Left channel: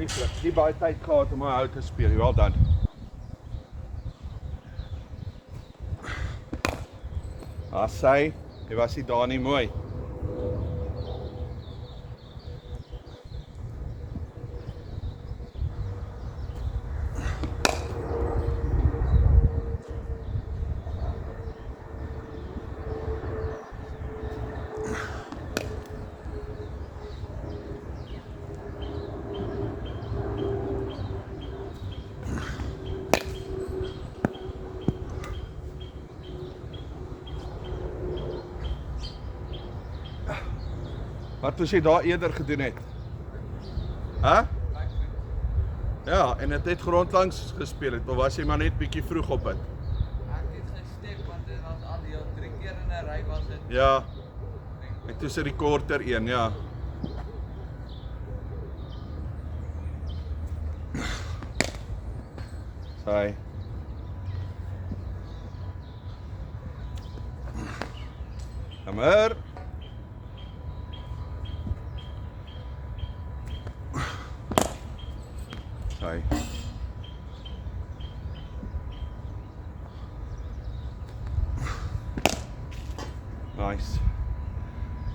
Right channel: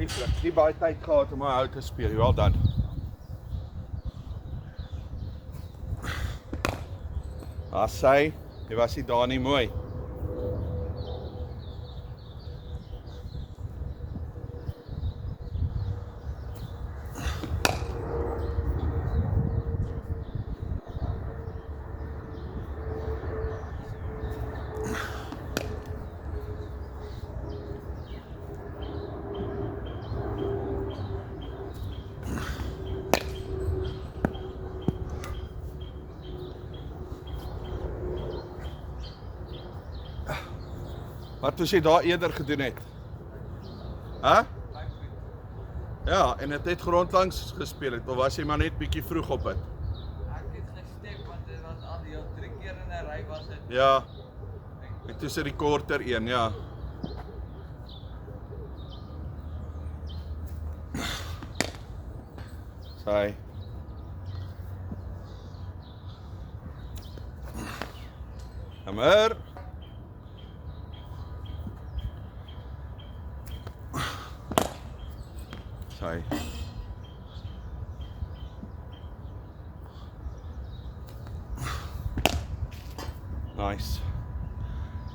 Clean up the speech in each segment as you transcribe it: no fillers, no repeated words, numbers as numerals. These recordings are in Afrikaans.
Nie baie tyd gehad om uit te speel. Well done. Sy, die was nie daar nie mooi. Wat moes jy daar eerder gedoen het? Huh? Ja, en het grondlangs gespeel het, of was jy maar net bietjie vroeg op het? Ek het gestep, want dit was al die 3 keer in 'n ry was dit. Ja, en toe sit die korter een, ja. Sy. Hammer. Sy. Nice.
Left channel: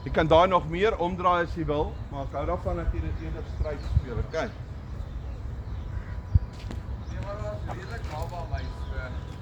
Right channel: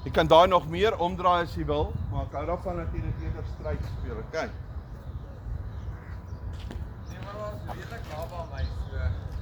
Jy kan daai nog meer omdraai as jy wil, maar ek hou daarvan dat jy dit eerder stryd speel, okay? Nee, maar was redelijk naby aan my, so